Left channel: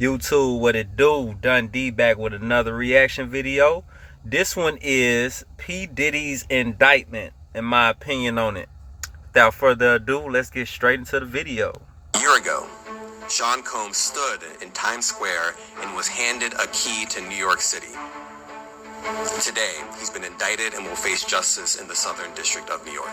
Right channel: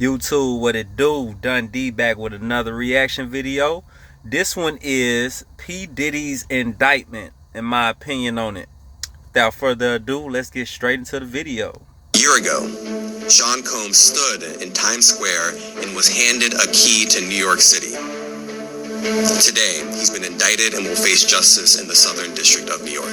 YouTube, what it do? Dundee back with another reaction video. This one is P. Diddy's indictment, in my opinion on it. Without further ado, let's get straight into the video. A year ago, Sean Combs stood in Times Square and was handed a key to New York City. Today, he's been indicted and will face justice in the Southern District of New York.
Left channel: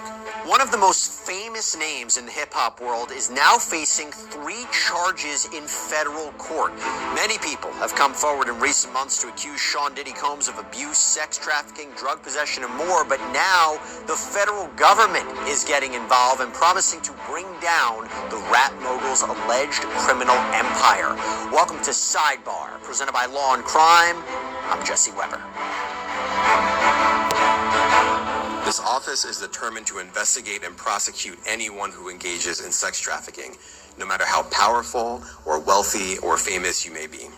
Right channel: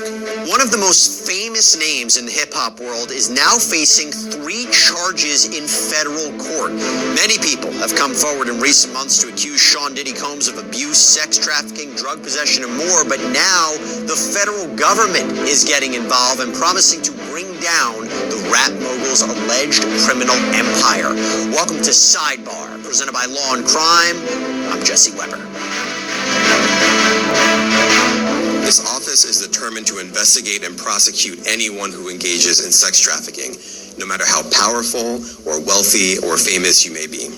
One of the most famous names in the hip-hop world is now facing 3 charges in federal court. Many people have come forward in recent months to accuse Sean Diddy Combs of abuse, sex trafficking, drug possession, and more, but now the federal government is getting involved and promising to bring down the rap mogul's alleged criminal empire. Welcome to Sidebar, presented by Law and Crime. I'm Jesse Weber. This office is determined to investigate and prosecute anyone who engages in sex trafficking, no matter how powerful or wealthy or famous you may be.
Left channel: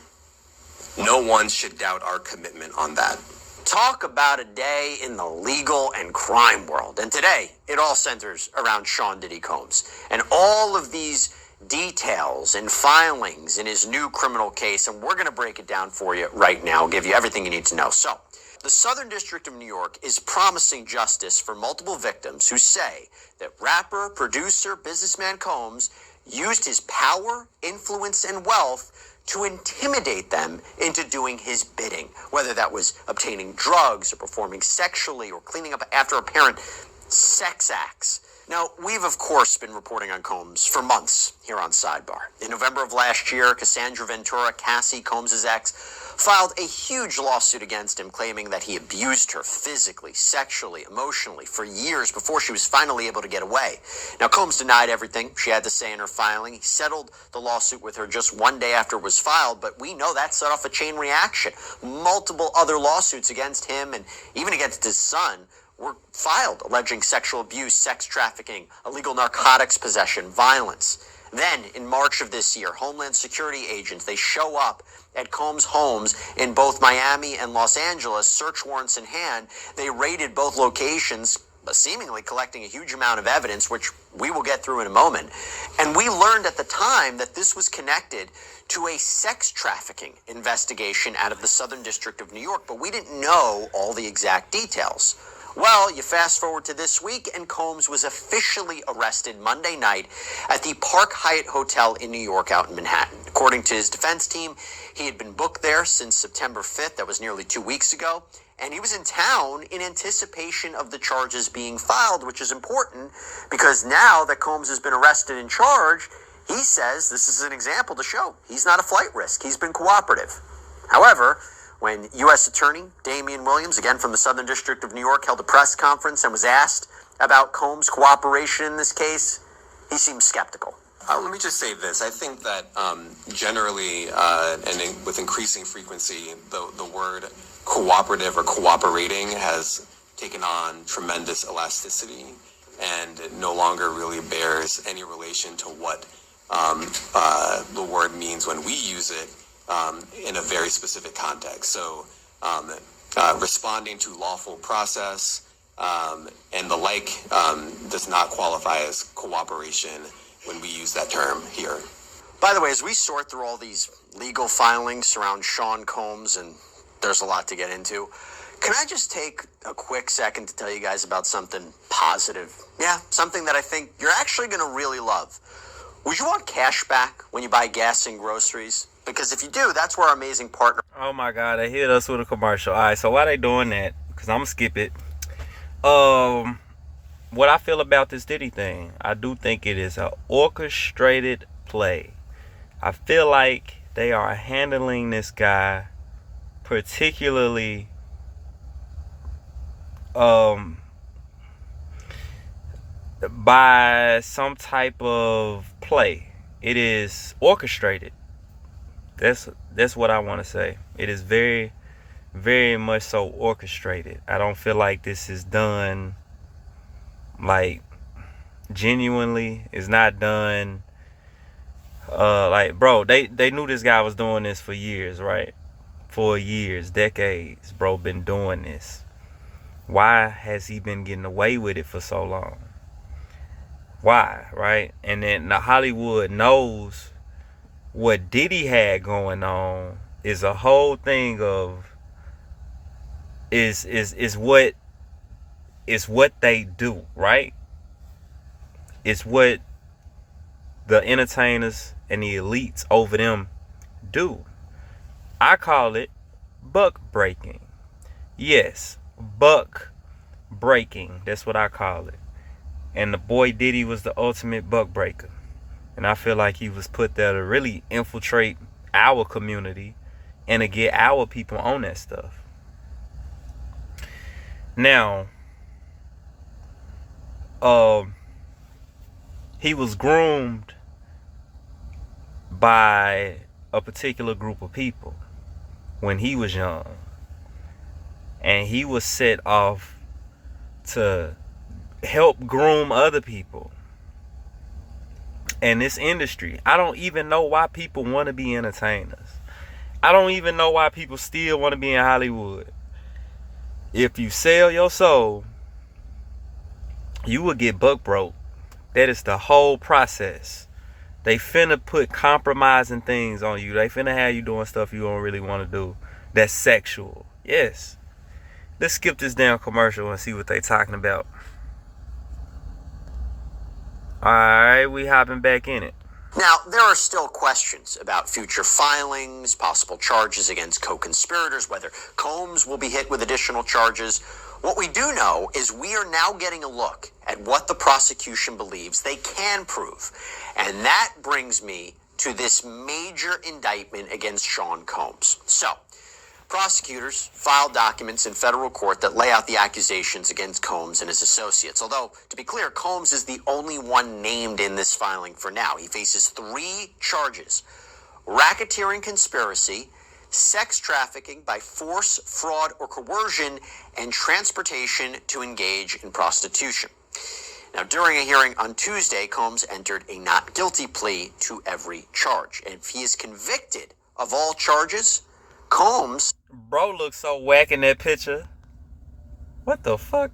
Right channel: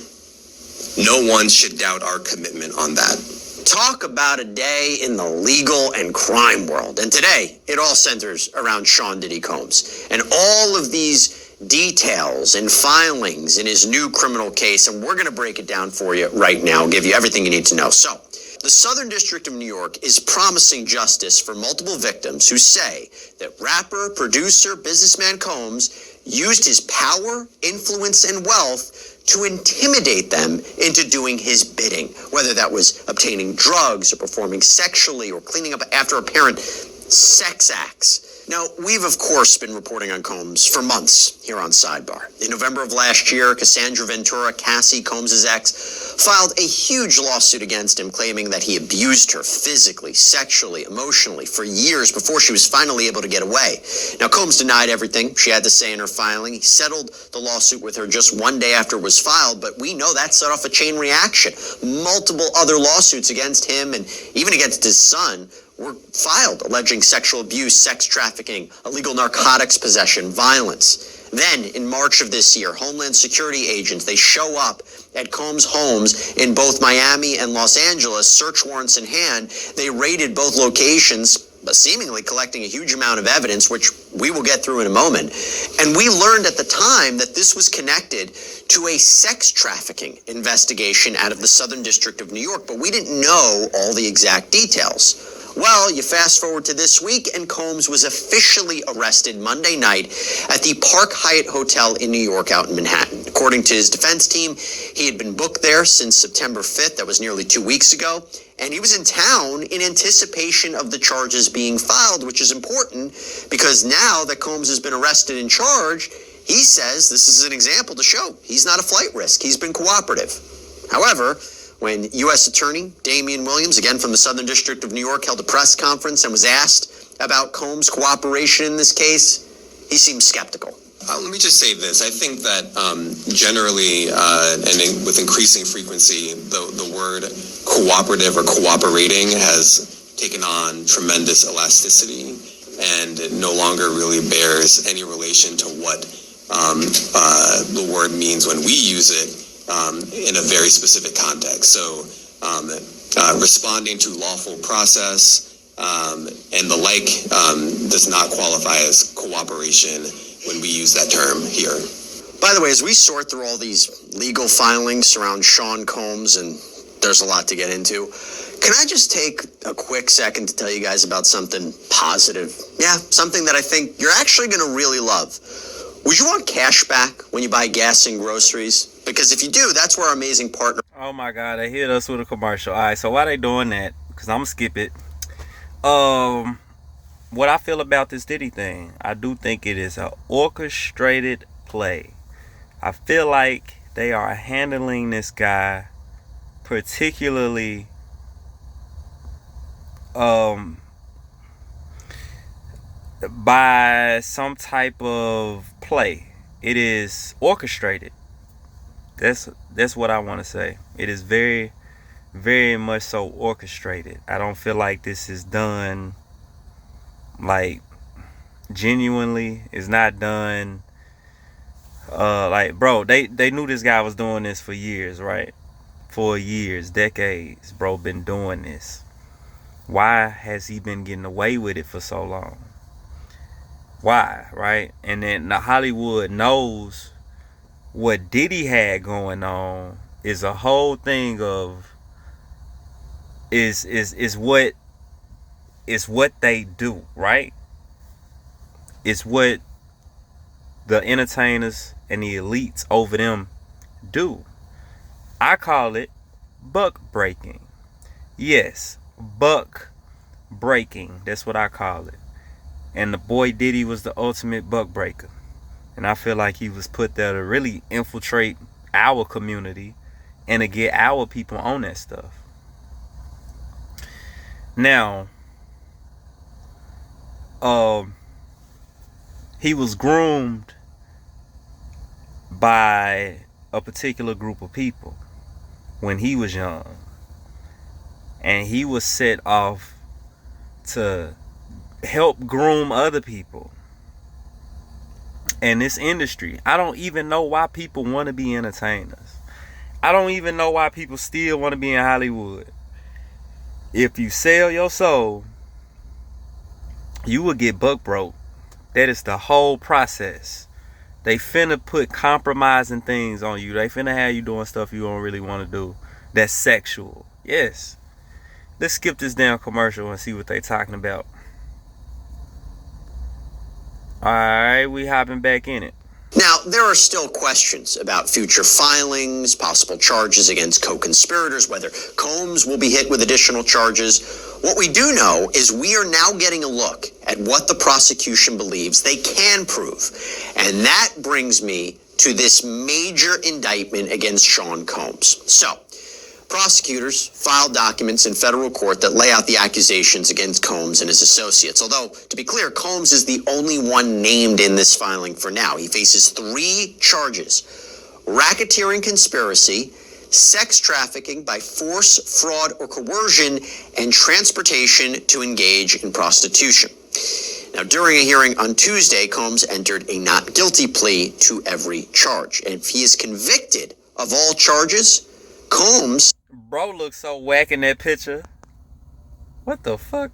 No one should doubt our commitment on that. Talk about a day in the legal and crime world. And today, it all centers around Sean Diddy Combs and all of these details and filings in his new criminal case. And we're going to break it down for you right now, give you everything you need to know. So, the Southern District of New York is promising justice for multiple victims who say that rapper, producer, businessman Combs used his power, influence, and wealth to intimidate them into doing his bidding, whether that was obtaining drugs or performing sexually or cleaning up after apparent sex acts. Now, we've, of course, been reporting on Combs for months here on Sidebar. In November of last year, Cassandra Ventura, Cassie Combs' ex, filed a huge lawsuit against him, claiming that he abused her physically, sexually, emotionally for years before she was finally able to get away. Now, Combs denied everything she had to say in her filing. He settled the lawsuit with her just one day after it was filed, but we know that set off a chain reaction. Multiple other lawsuits against him and even against his son were filed, alleging sexual abuse, sex trafficking, illegal narcotics possession, violence. Then, in March of this year, Homeland Security agents, they show up at Combs' homes in both Miami and Los Angeles, search warrants in hand. They raided both locations, seemingly collecting a huge amount of evidence, which we will get through in a moment. And we learned at the time that this was connected to a sex trafficking investigation out of the Southern District of New York, but we didn't know all the exact details. Well, you fast forward to this week, and Combs was officially arrested Monday night at the Park Hyatt Hotel in New York out in Manhattan. According to his defense team, he had been booked there since September 5th. That was nearly 2 weeks ago. And he was in town in anticipation of the charges being filed, which is important because now that Combs has been arrested and charged, he says this is an example to show he's not a flight risk. He's been cooperative. However, when U.S. Attorney Damian Williams, again from the Southern District of New York, held a press conference and was asked about Combs' cooperation in this case, he seemed skeptical. Let me just say this. I think that generally with increasing frequency, the word cooperative or cooperating has taken on tremendous elasticity and it no longer really bears any relation to what the word means when we use it in a very specific context. So responding to lawful process and the like does not qualify as cooperation when we use that term here. By the way, as we sort through all these legal filings around Sean Combs, and there's a lot to get into, can I just take a quick second to tell you guys about something positive? Yeah, something that I think you're actually going to really love. Would you want cash back when you buy gas and groceries? Because if you do, that's where our amazing partner... Oh my God, they hit us with a commercial. All right, so why they doing that? Because I'm going to skip it. What I feel about this Diddy thing, I do think it is an orchestrated play. I feel like they are handling this guy particularly by some type of play. It is orchestrated. That's what I want to say. It is very, very much so orchestrated. I don't feel like this is done like genuinely. It's not done like, bro, they knew this guy was doing this for years, right? For years, decades, bro, been doing this. Why has he been getting away with it for so long? Why, right? And then Hollywood knows what Diddy had going on is a whole thing of is what they do, right? It's what the entertainers and the elites over them do. I call it buck breaking. Yes, buck breaking. That's what I call it. And the boy Diddy was the ultimate buck breaker. And I feel like he was put there to really infiltrate our community and to get our people on that stuff. Now, he was groomed by a particular group of people when he was young. And he was set off to help groom other people. And this industry, I don't even know why people want to be entertainers. I don't even know why people still want to be in Hollywood. If you sell your soul, you will get buck broke. That is the whole process. They finna put compromising things on you. They finna have you doing stuff you don't really want to do. That's sexual. Yes. Let's skip this damn commercial and see what they talking about. Alright, we hopping back in it. Now, there are still questions about future filings, possible charges against co-conspirators, whether Combs will be hit with additional charges. What we do know is we are now getting a look at what the prosecution believes they can prove. And that brings me to this major indictment against Sean Combs. So, prosecutors filed documents in federal court that lay out the accusations against Combs and his associates. Although, to be clear, Combs is the only one named in this filing for now. He faces 3 charges: racketeering conspiracy, sex trafficking by force, fraud, or coercion, and transportation to engage in prostitution. Now, during a hearing on Tuesday, Combs entered a not guilty plea to every charge. And if he is convicted of all charges, Combs... Bro looks so whack in that picture. What the fuck?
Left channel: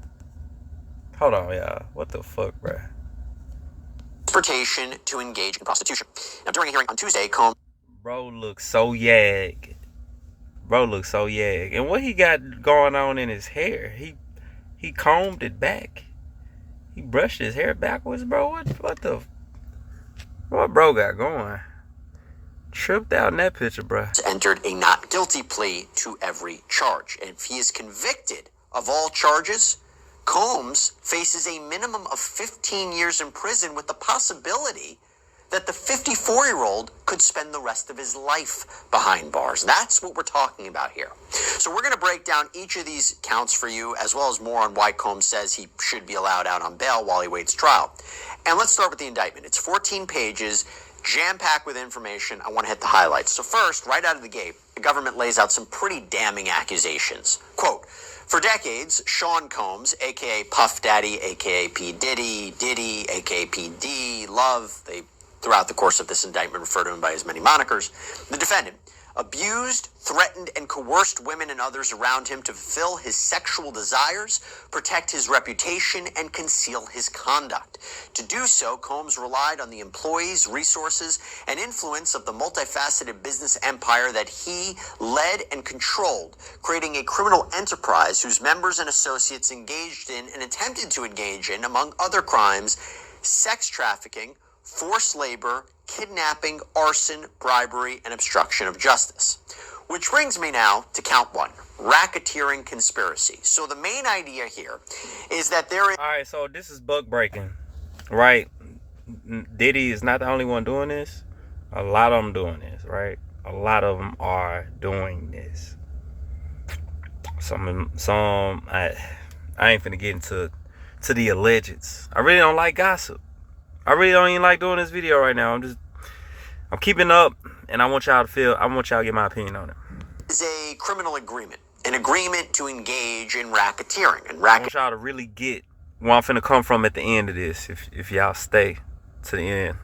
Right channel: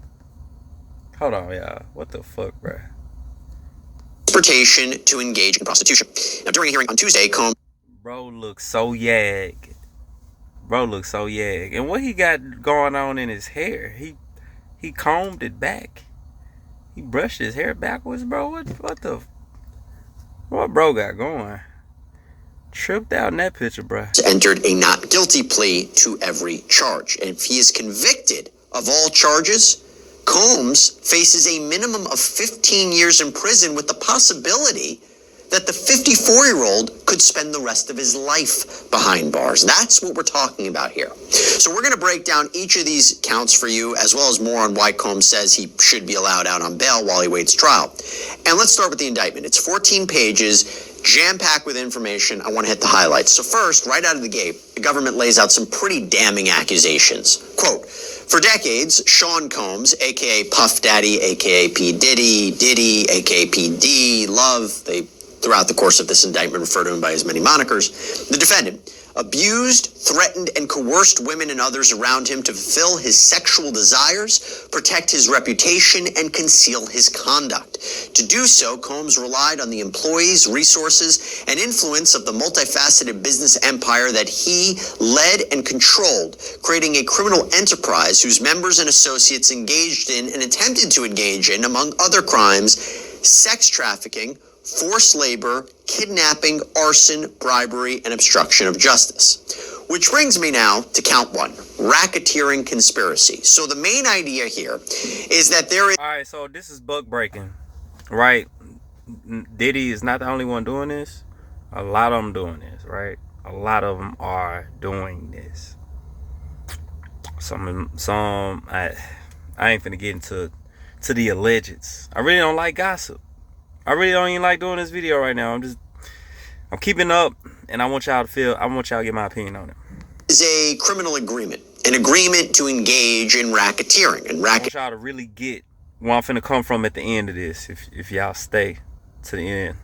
Hold on, y'all. What the fuck, bro? Transportation to engage in prostitution. Now, during a hearing on Tuesday, Combs... Bro looks so yag. Bro looks so yag. And what he got going on in his hair? He combed it back. He brushed his hair backwards, bro. What bro got going? Tripped out in that picture, bro. Entered a not guilty plea to every charge. And if he is convicted of all charges, Combs faces a minimum of 15 years in prison with the possibility that the 54-year-old could spend the rest of his life behind bars. That's what we're talking about here. So we're going to break down each of these counts for you, as well as more on why Combs says he should be allowed out on bail while he waits trial. And let's start with the indictment. It's 14 pages, jam-packed with information. I want to hit the highlights. So first, right out of the gate, the government lays out some pretty damning accusations. Quote, for decades, Sean Combs, a.k.a. Puff Daddy, a.k.a. P. Diddy, a.k.a. P. D, Love, they, throughout the course of this indictment, refer to him by his many monikers, the defendant abused, threatened, and coerced women and others around him to fulfill his sexual desires, protect his reputation, and conceal his conduct. To do so, Combs relied on the employees, resources, and influence of the multifaceted business empire that he led and controlled, creating a criminal enterprise whose members and associates engaged in and attempted to engage in, among other crimes, sex trafficking, forced labor, kidnapping, arson, bribery, and obstruction of justice. Which brings me now to count 1, racketeering conspiracy. So the main idea here is that there is... All right, so this is buck breaking, right? Diddy is not the only one doing this. A lot of them doing this, right? A lot of them are doing this. Some I ain't finna get into the allegeds. I really don't like gossip. I really don't even like doing this video right now. I'm keeping up, and I want y'all to get my opinion on it. Is a criminal agreement, an agreement to engage in racketeering. And I want y'all to really get where I'm finna come from at the end of this, if y'all stay to the end.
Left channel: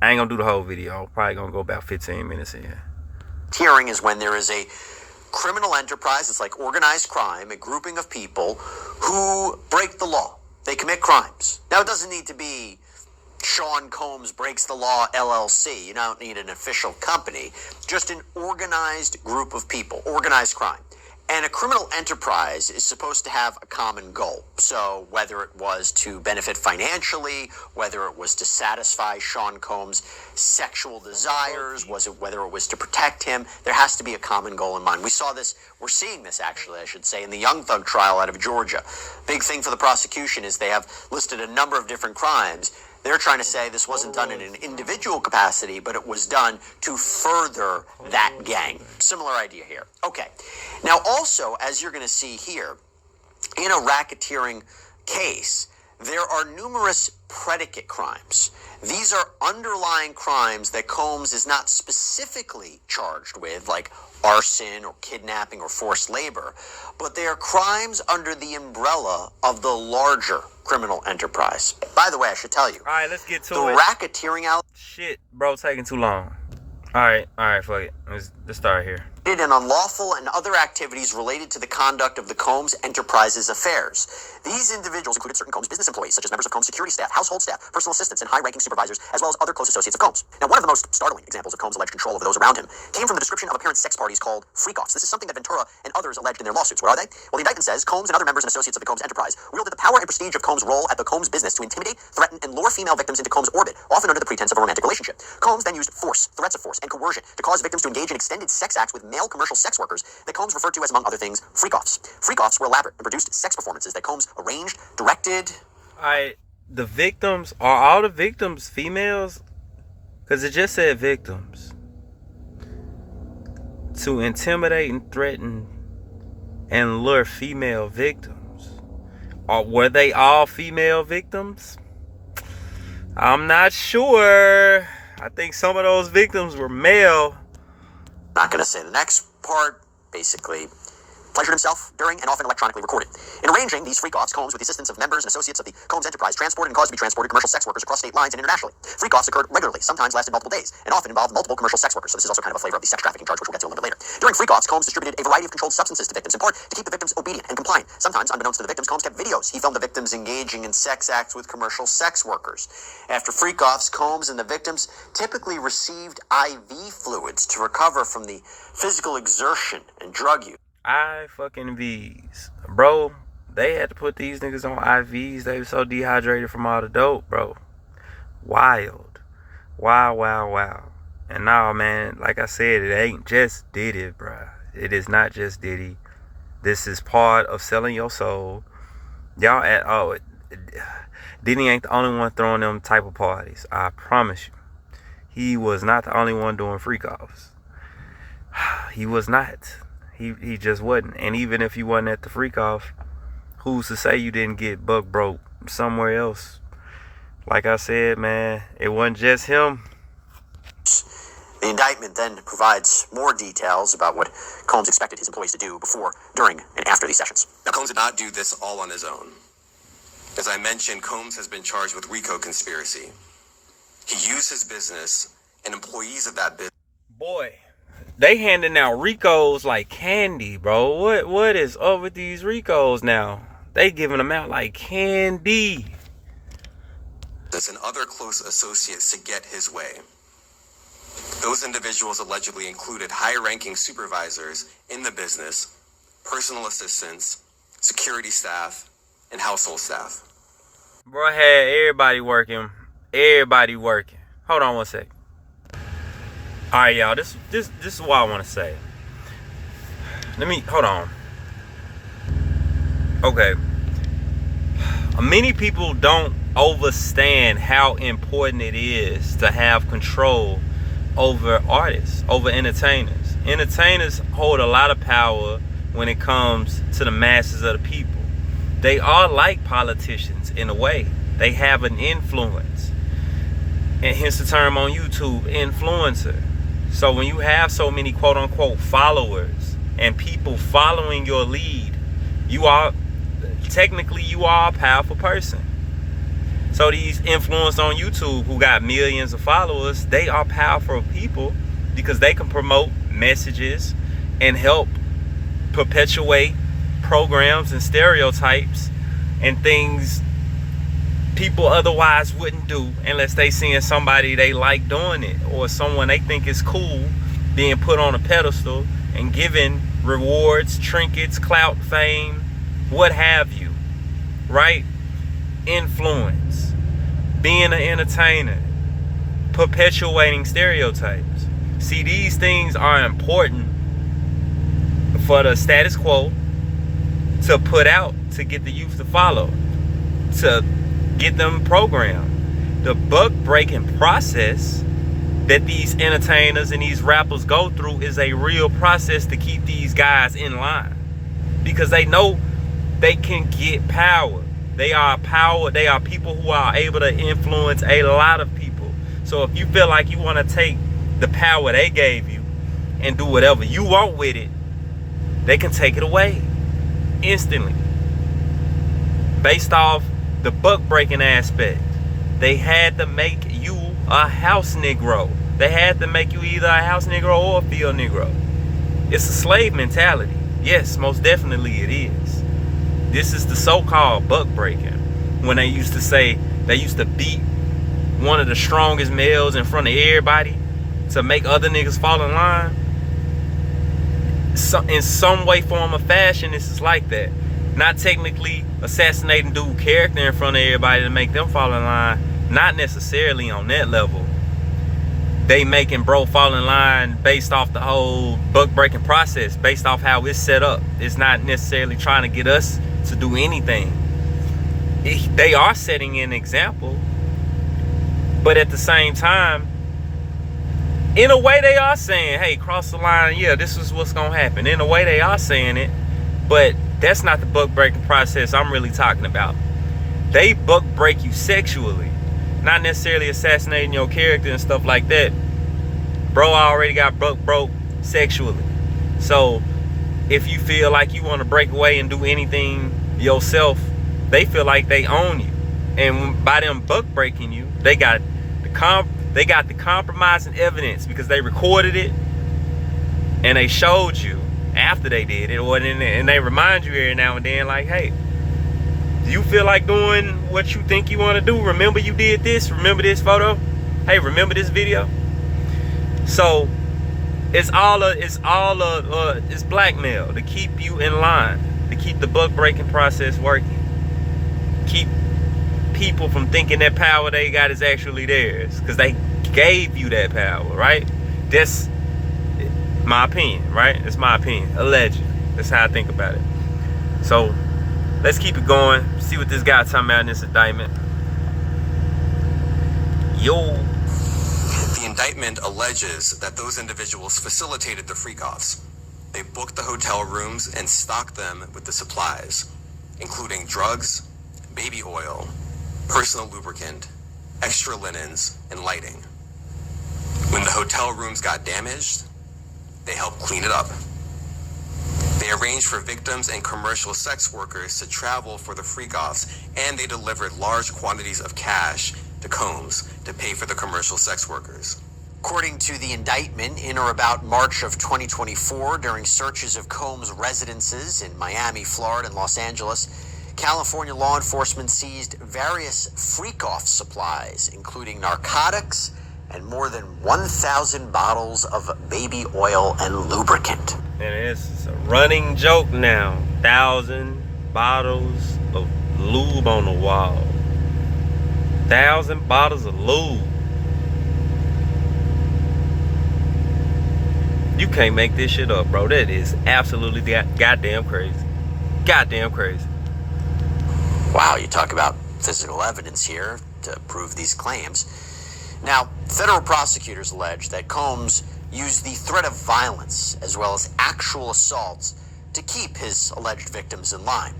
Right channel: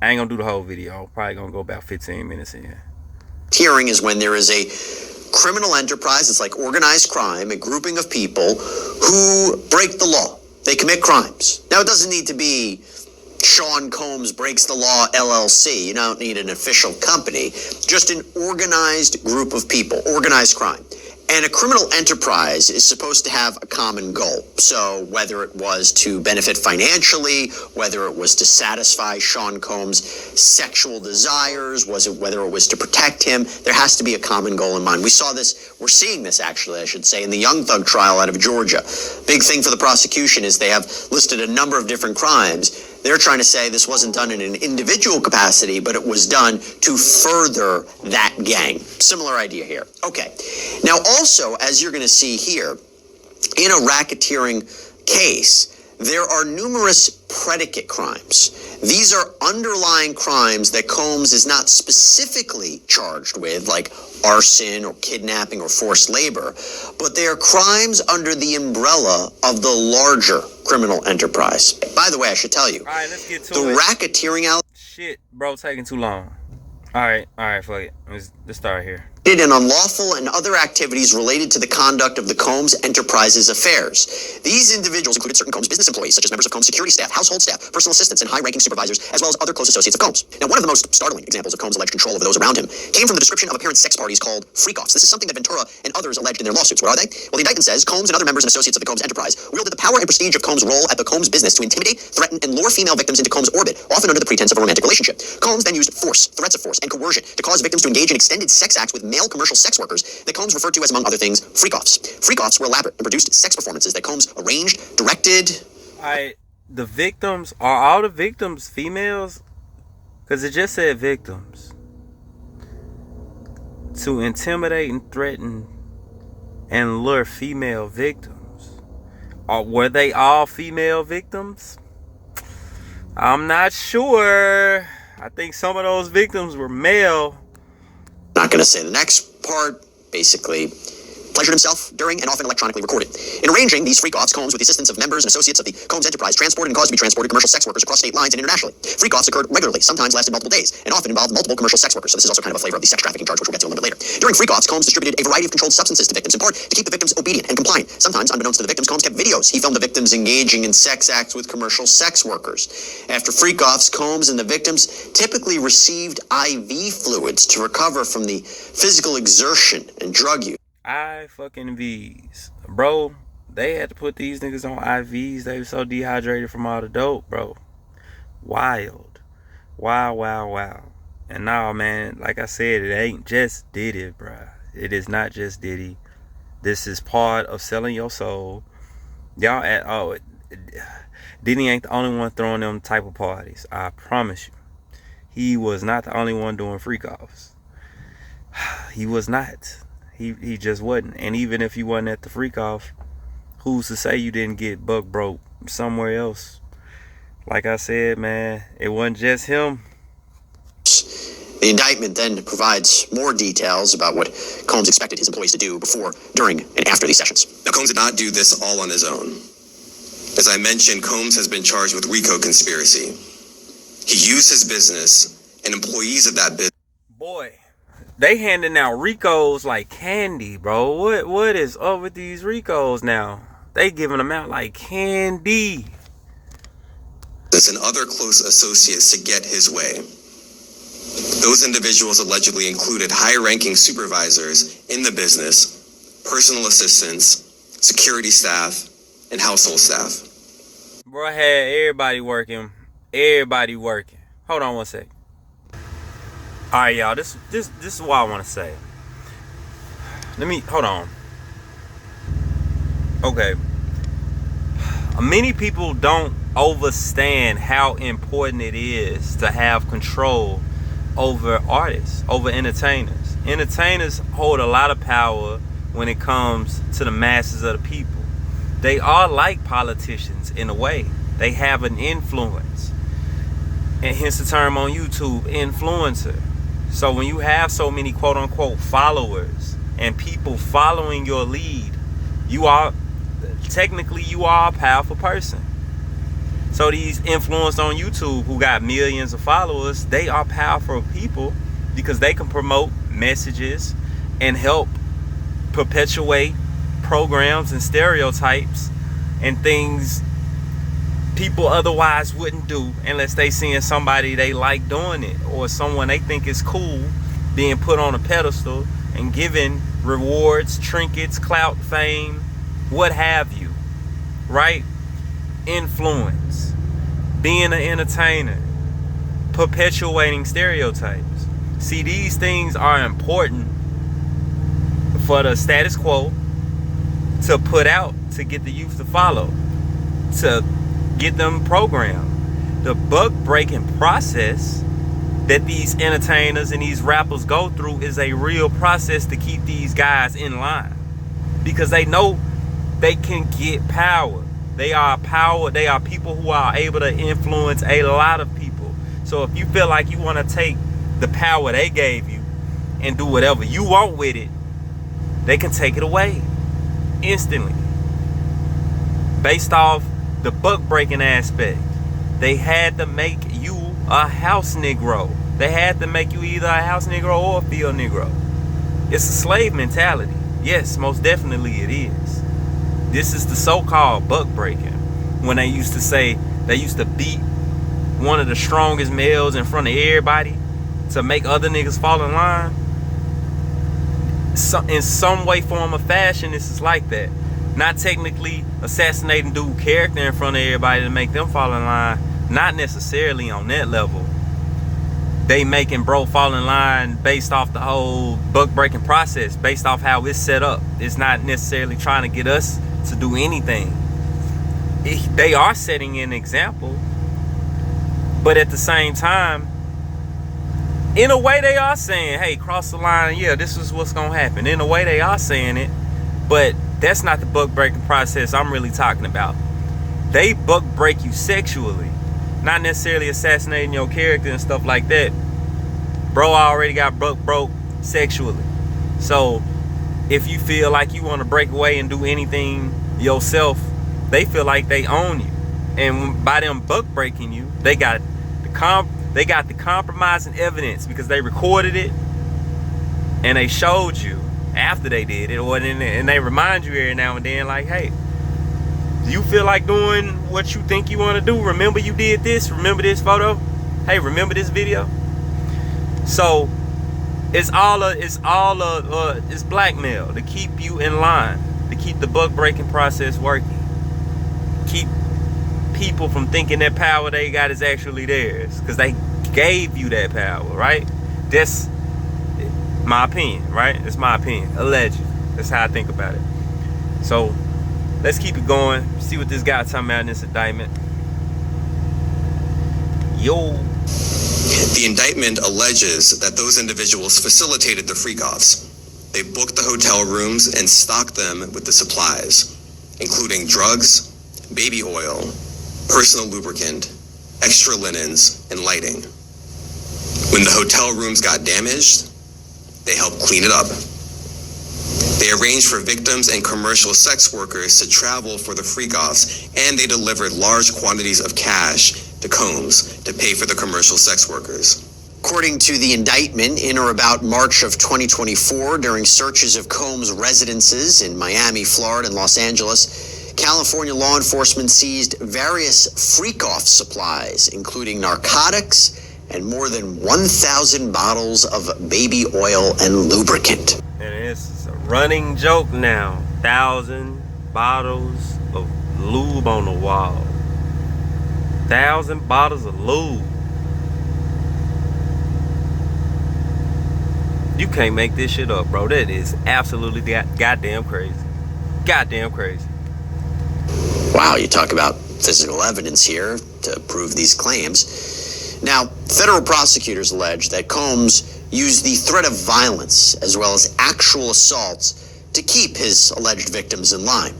I ain't gonna do the whole video. I'm probably gonna go about 15 minutes in. Racketeering is when there is a criminal enterprise, it's like organized crime, a grouping of people who break the law. They commit crimes. Now, it doesn't need to be Sean Combs Breaks the Law LLC. You don't need an official company, just an organized group of people, organized crime. And a criminal enterprise is supposed to have a common goal. So whether it was to benefit financially, whether it was to satisfy Sean Combs' sexual desires, whether it was to protect him, there has to be a common goal in mind. We saw this, we're seeing this actually, I should say, in the Young Thug trial out of Georgia. Big thing for the prosecution is they have listed a number of different crimes. They're trying to say this wasn't done in an individual capacity, but it was done to further that gang. Similar idea here. Okay. Now, also, as you're going to see here, in a racketeering case, there are numerous predicate crimes. These are underlying crimes that Combs is not specifically charged with, like arson or kidnapping or forced labor, but they are crimes under the umbrella of the larger criminal enterprise. By the way, I should tell you, all right, let's get to the it. racketeering Shit, bro, taking too long. All right, fuck it. Let's start here. And unlawful and other activities related to the conduct of the Combs Enterprises affairs. These individuals included certain Combs business employees, such as members of Combs security staff, household staff, personal assistants, and high-ranking supervisors, as well as other close associates of Combs. Now, one of the most startling examples of Combs' alleged control over those around him came from the description of apparent sex parties called freak-offs. This is something that Ventura and others alleged in their lawsuits. What are they? Well, the indictment says Combs and other members and associates of the Combs Enterprise wielded the power and prestige of Combs' role at the Combs business to intimidate, threaten, and lure female victims into Combs' orbit, often under the pretense of a romantic relationship. Combs then used force, threats of force, and coercion to cause victims to engage in extended sex acts with male commercial sex workers that Combs referred to as, among other things, freak-offs. Freak-offs were elaborate and produced sex performances that Combs arranged, directed. The victims, are all the victims females? Because it just said victims. To intimidate and threaten and lure female victims. Were they all female victims? I'm not sure. I think some of those victims were male. Not going to say the next part. Basically, pleasured himself during and often electronically recorded. In arranging these freak-offs, Combs, with the assistance of members and associates of the Combs Enterprise, transported and caused to be transported commercial sex workers across state lines and internationally. Freak-offs occurred regularly, sometimes lasted multiple days, and often involved multiple commercial sex workers. So this is also kind of a flavor of the sex trafficking charge, which we'll get to a little bit later. During freak-offs, Combs distributed a variety of controlled substances to victims, in part to keep the victims obedient and compliant. Sometimes, unbeknownst to the victims, Combs kept videos. He filmed the victims engaging in sex acts with commercial sex workers. After freak-offs, Combs and the victims typically received IV fluids to recover from the physical exertion and drug use. V's. Bro, they had to put these niggas on IVs. They were so dehydrated from all the dope, bro. Wild. Wow. And now, man, like I said, it ain't just Diddy, bro. It is not just Diddy. This is part of selling your soul. Diddy ain't the only one throwing them type of parties. I promise you. He was not the only one doing freak-offs. He was not. He just wasn't. And even if you wasn't at the freak-off, who's to say you didn't get buck broke somewhere else? Like I said, man, it wasn't just him. The indictment then provides more details about what Combs expected his employees to do before, during, and after these sessions. Now, Combs did not do this all on his own. As I mentioned, Combs has been charged with RICO conspiracy. He used his business and employees of that business. Boy, they handing out RICOs like candy, bro. What is up with these RICOs now? They giving them out like candy. And other close associates to get his way. Those individuals allegedly included high-ranking supervisors in the business, personal assistants, security staff, and household staff. Bro had everybody working. Hold on one second. All right, y'all. This is what I want to say. Hold on. Okay. Many people don't understand how important it is to have control over artists, over entertainers. Entertainers hold a lot of power when it comes to the masses of the people. They are like politicians in a way. They have an influence. And hence the term on YouTube, influencer. So when you have so many quote-unquote followers and people following your lead, you are a powerful person. So these influencers on YouTube who got millions of followers, they are powerful people because they can promote messages and help perpetuate programs and stereotypes and things people otherwise wouldn't do unless they seeing somebody they like doing it, or someone they think is cool being put on a pedestal and given rewards, trinkets, clout, fame, what have you, right? Influence, being an entertainer, perpetuating stereotypes. See, these things are important for the status quo to put out, to get the youth to follow, to get them programmed. The buck breaking process that these entertainers and these rappers go through is a real process to keep these guys in line, because they know they can get power. They are power. They are people who are able to influence a lot of people. So if you feel like you want to take the power they gave you and do whatever you want with it, they can take it away instantly. Based off the buck breaking aspect, they had to make you a house Negro. They had to make you either a house Negro or a field Negro. It's a slave mentality. Yes, most definitely it is. This is the so-called buck breaking. When they used to say, they used to beat one of the strongest males in front of everybody to make other niggas fall in line. So, in some way, form, or fashion, this is like that. Not technically assassinating dude character in front of everybody to make them fall in line. Not necessarily on that level. They making bro fall in line based off the whole buck breaking process, based off how it's set up. It's not necessarily trying to get us to do anything. They are setting an example, but at the same time, in a way they are saying, hey, cross the line, yeah, this is what's gonna happen. In a way they are saying it, but that's not the buck breaking process I'm really talking about. They buck break you sexually, not necessarily assassinating your character and stuff like that. Bro already got buck broke sexually. So if you feel like you want to break away and do anything yourself, they feel like they own you. And by them buck breaking you, they got the compromising evidence, because they recorded it and they showed you after they did it, and they remind you every now and then, like, hey, do you feel like doing what you think you want to do? Remember you did this? Remember this photo? Hey, remember this video? So it's blackmail to keep you in line, to keep the buck breaking process working, keep people from thinking that power they got is actually theirs, because they gave you that power, right? That's my opinion, right? It's my opinion, allegedly. That's how I think about it. So let's keep it going, see what this guy talking about in this indictment. Yo. The indictment alleges that those individuals facilitated the freak-offs. They booked the hotel rooms and stocked them with the supplies, including drugs, baby oil, personal lubricant, extra linens, and lighting. When the hotel rooms got damaged, they helped clean it up. They arranged for victims and commercial sex workers to travel for the freak-offs, and they delivered large quantities of cash to Combs to pay for the commercial sex workers. According to the indictment, in or about March of 2024, during searches of Combs' residences in Miami, Florida, and Los Angeles, California law enforcement seized various freak-off supplies, including narcotics and more than 1,000 bottles of baby oil and lubricant. And it's a running joke now. 1,000 bottles of lube on the wall. 1,000 bottles of lube. You can't make this shit up, bro. That is absolutely goddamn crazy. Goddamn crazy. Wow, you talk about physical evidence here to prove these claims. Now, federal prosecutors allege that Combs used the threat of violence as well as actual assaults to keep his alleged victims in line.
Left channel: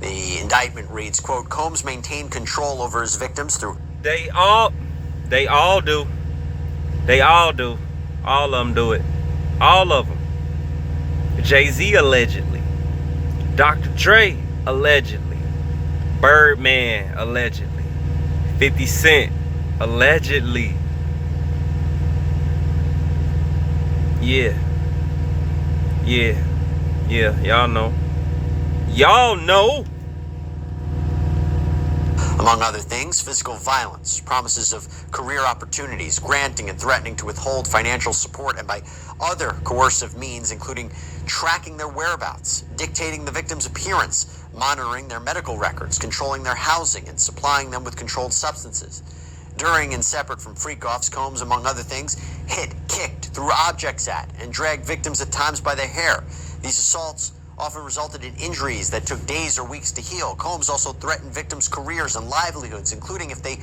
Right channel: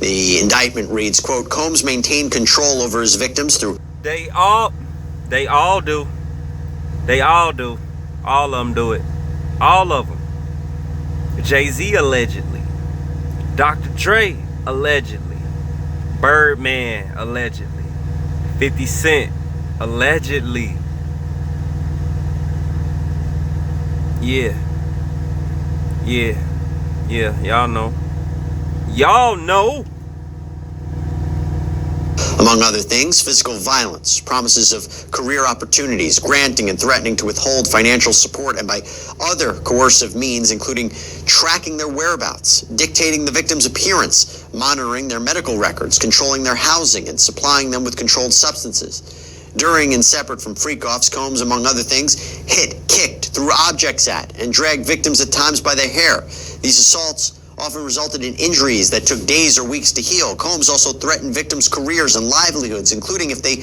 The indictment reads, quote, Combs maintained control over his victims through... They all do. They all do. All of them do it. All of them. Jay-Z allegedly. Dr. Dre allegedly. Birdman allegedly. 50 Cent allegedly. Yeah. Y'all know. Among other things, physical violence, promises of career opportunities, granting and threatening to withhold financial support, and by other coercive means, including tracking their whereabouts, dictating the victim's appearance, monitoring their medical records, controlling their housing, and supplying them with controlled substances. During and separate from freak-offs, Combs, among other things, hit, kicked, threw objects at, and dragged victims at times by the hair. These assaults often resulted in injuries that took days or weeks to heal. Combs also threatened victims' careers and livelihoods, including if they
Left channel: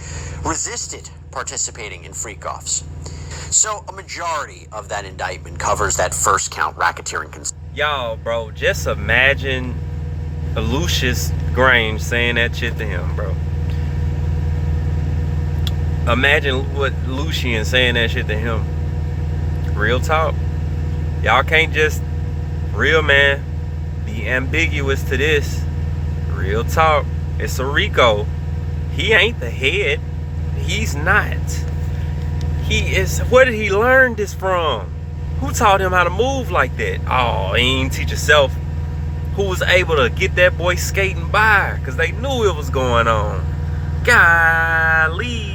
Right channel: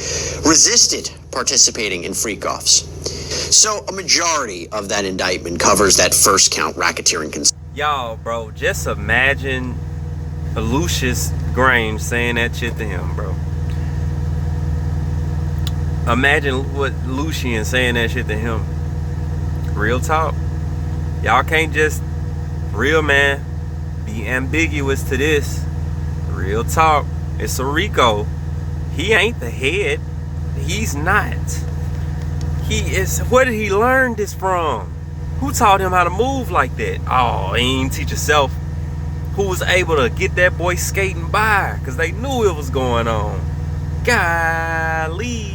resisted participating in freak-offs. So a majority of that indictment covers that first count, racketeering. Y'all, bro, just imagine Lucius Grange saying that shit to him, bro. Imagine what Lucian saying that shit to him. Real talk. Y'all can't just, real man, be ambiguous to this. Real talk. It's a Rico. He ain't the head. He's not. He is. Where did he learn this from? Who taught him how to move like that? Oh, he ain't teach himself. Who was able to get that boy skating by? Because they knew it was going on. Golly.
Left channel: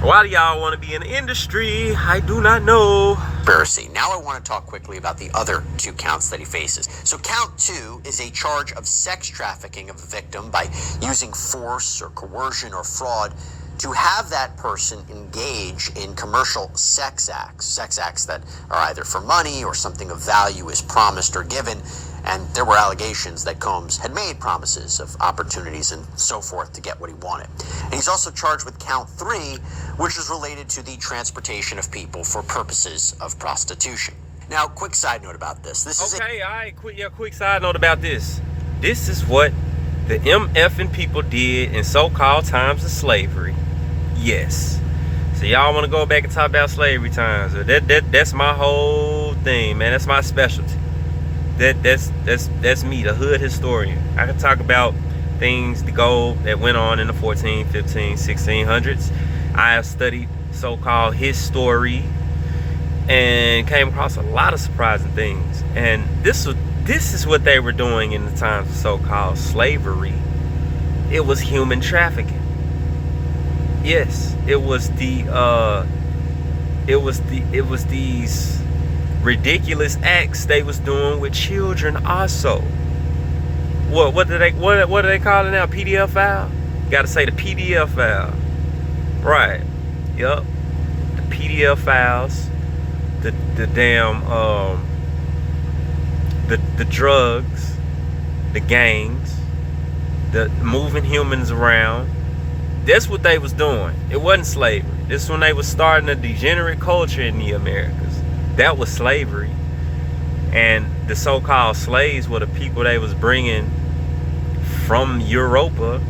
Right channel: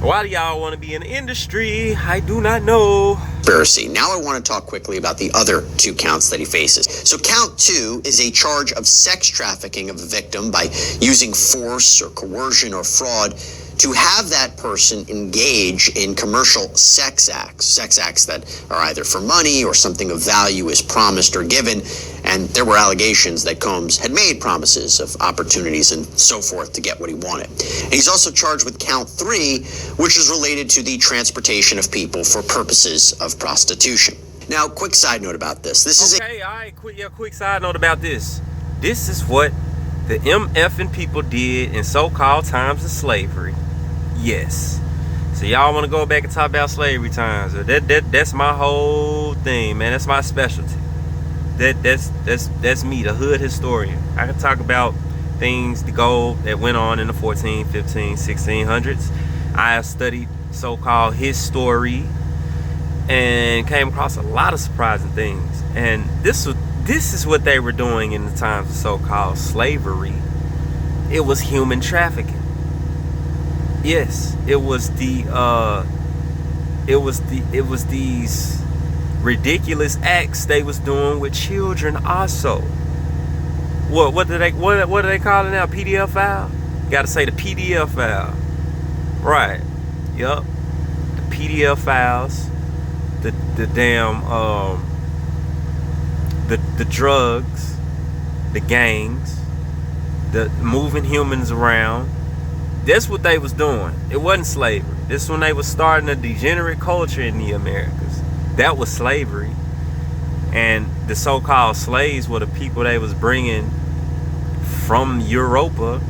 Why do y'all want to be in the industry? I do not know. Conspiracy. Now I want to talk quickly about the other two counts that he faces. So count 2 is a charge of sex trafficking of a victim by using force or coercion or fraud to have that person engage in commercial sex acts that are either for money or something of value is promised or given. And there were allegations that Combs had made promises of opportunities and so forth to get what he wanted. And he's also charged with count 3, which is related to the transportation of people for purposes of prostitution. Now, quick side note about this. Okay, all right, quick side note about this. This is what the MFing people did in so-called times of slavery. Yes. So y'all want to go back and talk about slavery times? That's my whole thing, man. That's my specialty. That's me, the hood historian. I can talk about things that went on in the 14, 15, 1600s. I have studied so-called history and came across a lot of surprising things. And this is what they were doing in the times of so-called slavery. It was human trafficking. Yes, it was these ridiculous acts they was doing with children also. What do they call it now? PDF file? Gotta say the PDF file. Right. Yup. The PDF files. The damn the drugs, the gangs, the moving humans around. That's what they was doing. It wasn't slavery. This is when they was starting a degenerate culture in the Americas. That was slavery. And the so-called slaves were the people they was bringing from Europa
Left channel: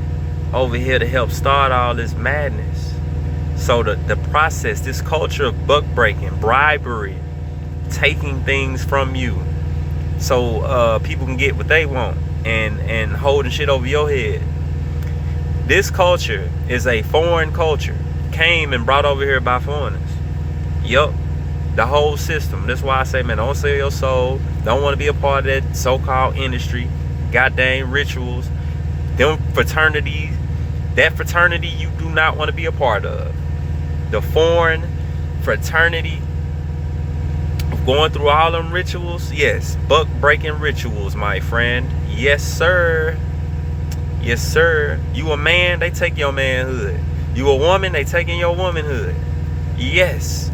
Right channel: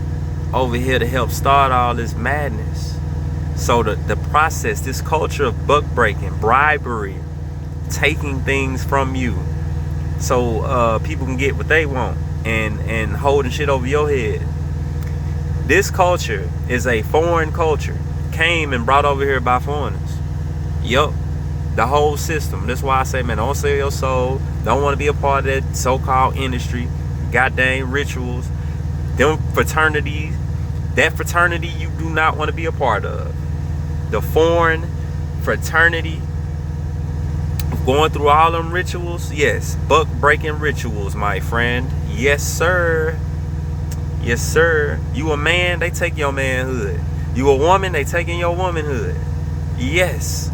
over here to help start all this madness. So the process, this culture of buck breaking, bribery, taking things from you so people can get what they want and holding shit over your head. This culture is a foreign culture. Came and brought over here by foreigners. Yup. The whole system. That's why I say, man, don't sell your soul. Don't want to be a part of that so-called industry. Goddamn rituals. Them fraternities. That fraternity you do not want to be a part of. The foreign fraternity of going through all them rituals. Yes. Buck breaking rituals, my friend. Yes, sir. Yes, sir. You a man, they take your manhood. You a woman, they taking your womanhood. Yes.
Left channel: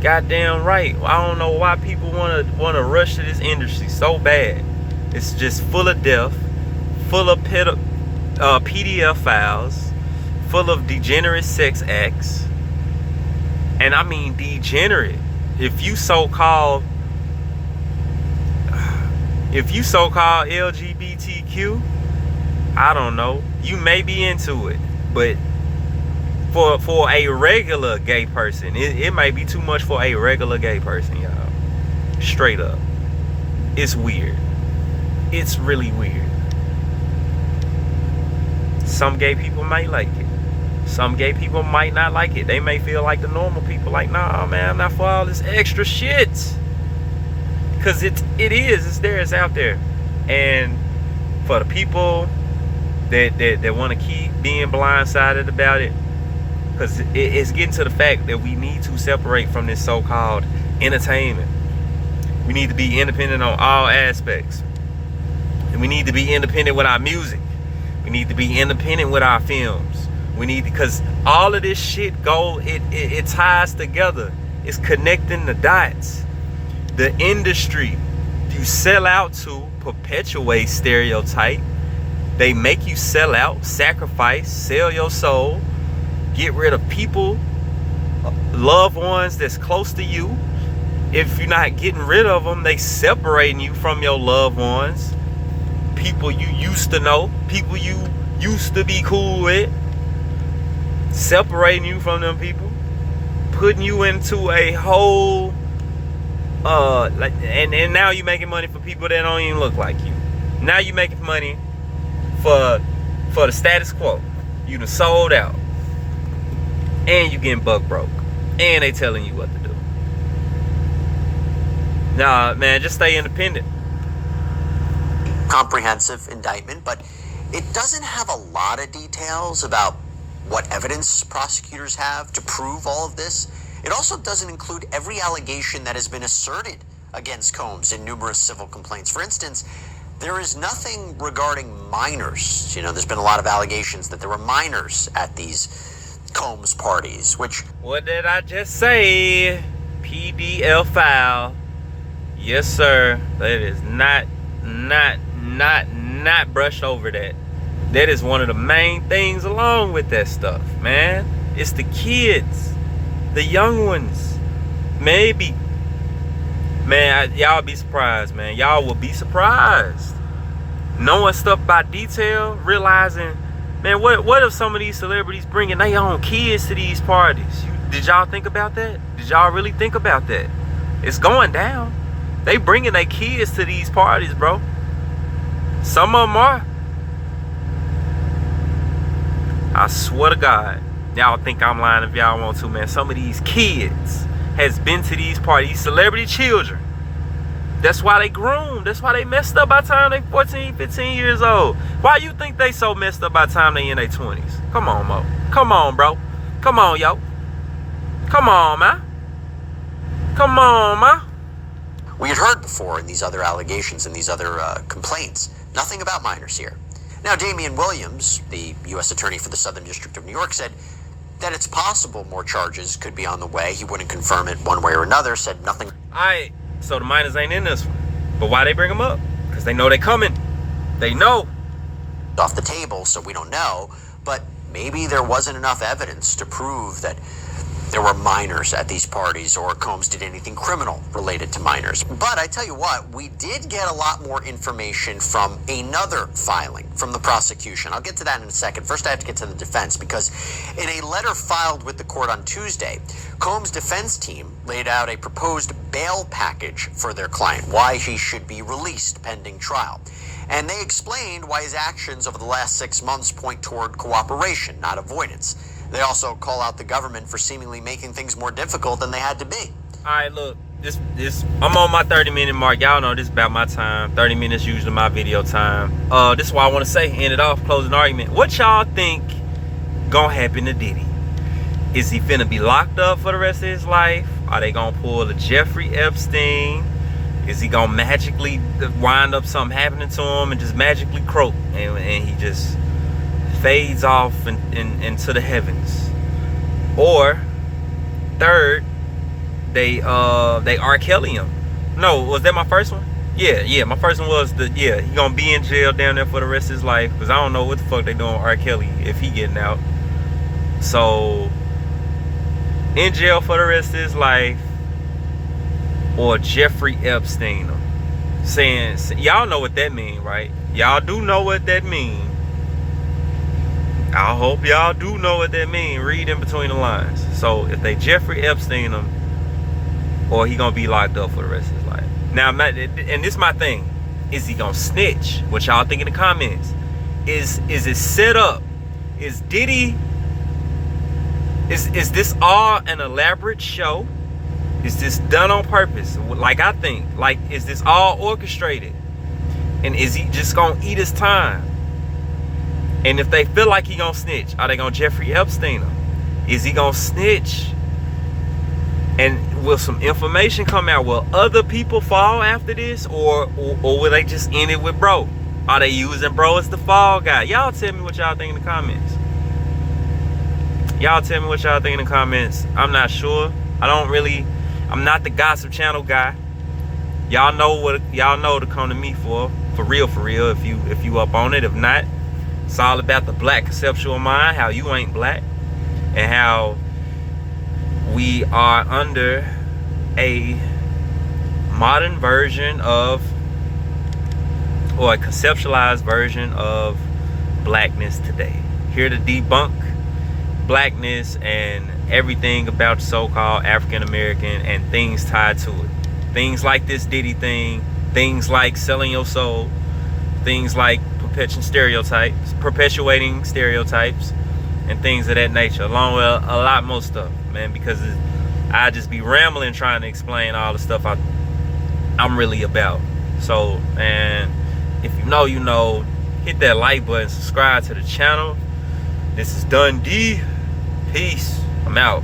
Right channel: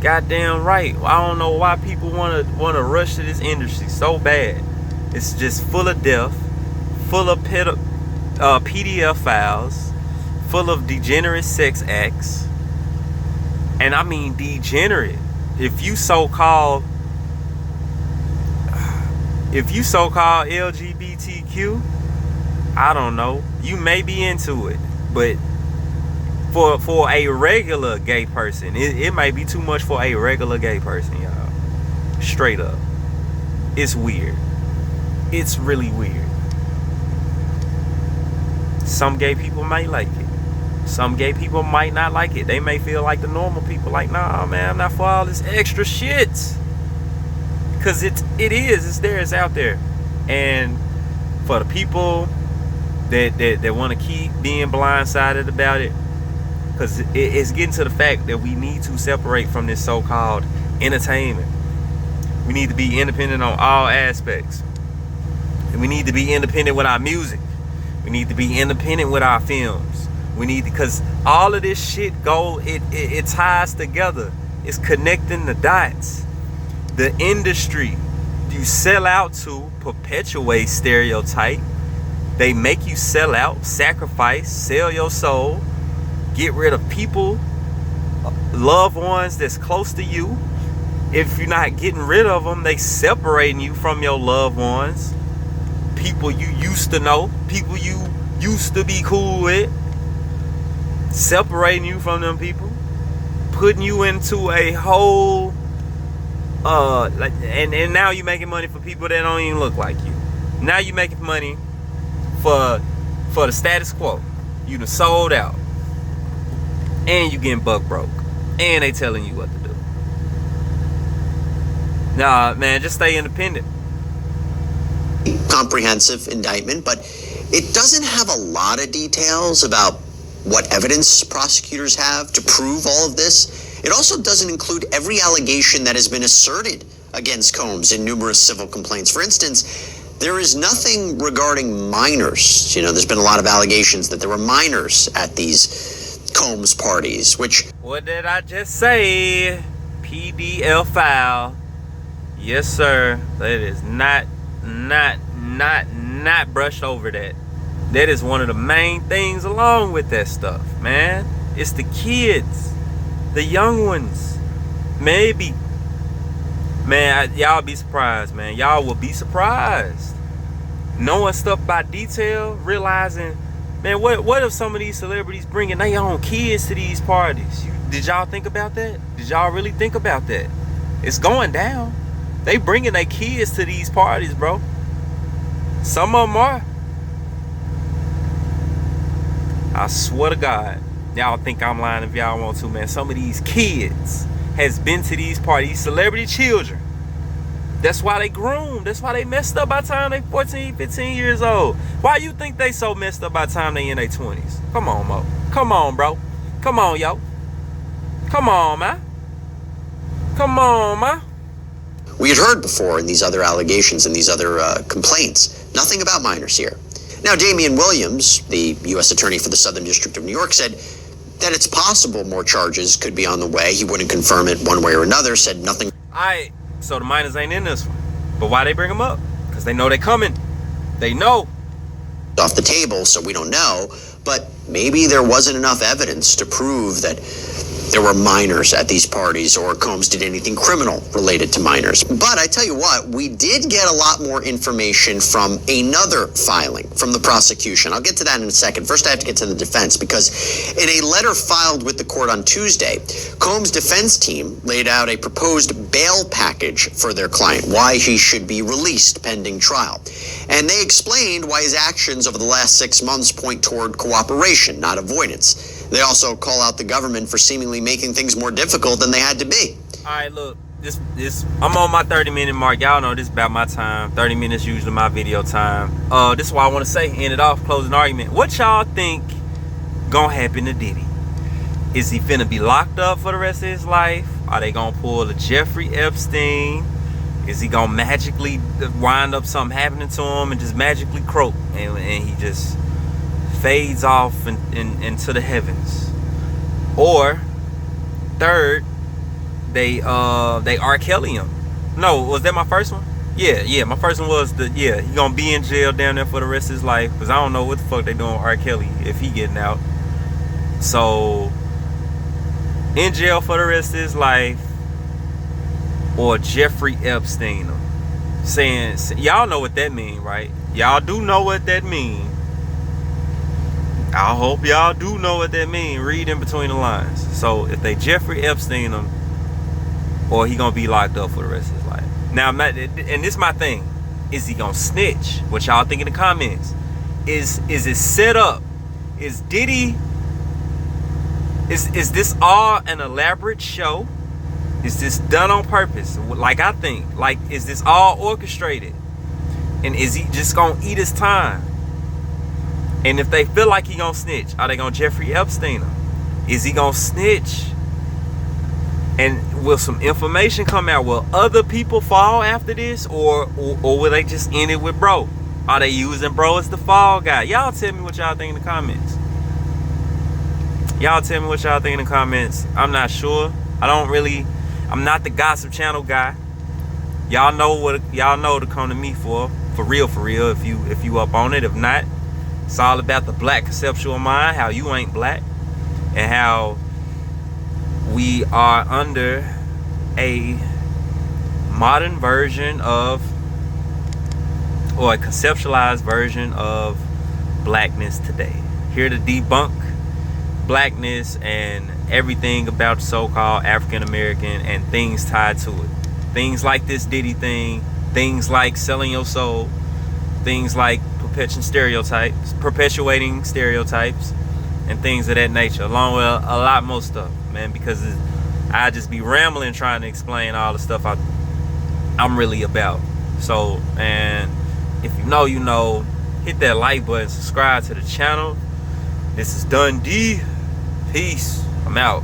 Goddamn right. I don't know why people wanna rush to this industry so bad. It's just full of death, full of PDF files, full of degenerate sex acts. And I mean degenerate. If you so-called LGBTQ, I don't know. You may be into it, but for a regular gay person, it might be too much for a regular gay person, y'all. Straight up. It's weird. It's really weird. Some gay people might like it. Some gay people might not like it. They may feel like the normal people, like, nah, man, I'm not for all this extra shit. Because it's there, it's out there. And for the people that want to keep being blindsided about it, because it's getting to the fact that we need to separate from this so-called entertainment. We need to be independent on all aspects, and we need to be independent with our music. We need to be independent with our films. We need, because all of this shit it ties together. It's connecting the dots. The industry you sell out to perpetuate stereotype. They make you sell out, sacrifice, sell your soul, get rid of people, loved ones that's close to you. If you're not getting rid of them, they separating you from your loved ones, people you used to know, people you used to be cool with, separating you from them people, putting you into a whole and now you're making money for people that don't even look like you. Now you're making money for the status quo. You done sold out, and you getting buck broke, and they telling you what to do. Nah, man, just stay independent. Comprehensive indictment, but it doesn't have a lot of details about what evidence prosecutors have to prove all of this. It also doesn't include every allegation that has been asserted against Combs in numerous civil complaints. For instance, there is nothing regarding minors. You know, there's been a lot of allegations that there were minors at these Combs parties, which... What did I just say? PDL file. Yes, sir. That is not brushed over that. That is one of the main things along with that stuff, man. It's the kids. The young ones. Maybe. Man, y'all be surprised, man. Y'all will be surprised. Knowing stuff by detail, realizing, man, what if some of these celebrities bringing their own kids to these parties? Did y'all think about that? Did y'all really think about that? It's going down. They bringing their kids to these parties, bro. Some of them are. I swear to God. Y'all think I'm lying if y'all want to, man. Some of these kids has been to these parties, celebrity children. That's why they groomed. That's why they messed up by the time they 14, 15 years old. Why you think they so messed up by the time they in their 20s? Come on, Mo. Come on, bro. Come on, yo. Come on, man. Come on, man. We had heard before in these other allegations and these other complaints, nothing about minors here. Now, Damian Williams, the U.S. Attorney for the Southern District of New York, said that it's possible more charges could be on the way. He wouldn't confirm it one way or another, said nothing. So the minors ain't in this one. But why they bring them up? Because they know they coming. They know. Off the table, so we don't know. But maybe there wasn't enough evidence to prove that there were minors at these parties or Combs did anything criminal related to minors. But I tell you what, we did get a lot more information from another filing from the prosecution. I'll get to that in a second. First, I have to get to the defense, because in a letter filed with the court on Tuesday, Combs' defense team laid out a proposed bail package for their client, why he should be released pending trial. And they explained why his actions over the last 6 months point toward cooperation, not avoidance. They also call out the government for seemingly making things more difficult than they had to be. All right, look, this I'm on my 30-minute mark. Y'all know this is about my time. 30 minutes usually my video time. This is what I want to say. End it off, closing argument. What y'all think gonna happen to Diddy? Is he finna be locked up for the rest of his life? Are they gonna pull a Jeffrey Epstein? Is he gonna magically wind up something happening to him and just magically croak and he just fades off into the heavens? Or third, they R. Kelly him. No, was that my first one? Yeah, my first one was he gonna be in jail down there for the rest of his life, because I don't know what the fuck they doing with R. Kelly if he getting out. So in jail for the rest of his life, or Jeffrey Epstein him. Saying, y'all know what that mean, right? Y'all do know what that mean. I hope y'all do know what that mean. Read in between the lines. So if they Jeffrey Epstein him, or he gonna be locked up for the rest of his life. Now, I'm not, and this is my thing. Is he gonna snitch? What y'all think in the comments? Is it set up? Is Diddy? Is this all an elaborate show? Is this done on purpose? Like I think. Like, is this all orchestrated? And is he just gonna eat his time? And if they feel like he gonna snitch, are they gonna Jeffrey Epstein him? Is he gonna snitch? And will some information come out? Will other people fall after this? Or will they just end it with bro? Are they using bro as the fall guy? Y'all tell me what y'all think in the comments. Y'all tell me what y'all think in the comments. I'm not sure. I'm not the gossip channel guy. Y'all know to come to me for real, if you up on it. If not, it's all about the black conceptual mind, how you ain't black, and how we are under a modern version of, or a conceptualized version of, blackness today. Here to debunk blackness and everything about so-called African American and things tied to it. Things like this Diddy thing, things like selling your soul, things like perpetuating stereotypes, and things of that nature, along with a lot more stuff, man, because I just be rambling trying to explain all the stuff I'm really about. So, man, if you know, you know, hit that like button, subscribe to the channel. This is Dundee. Peace. I'm out.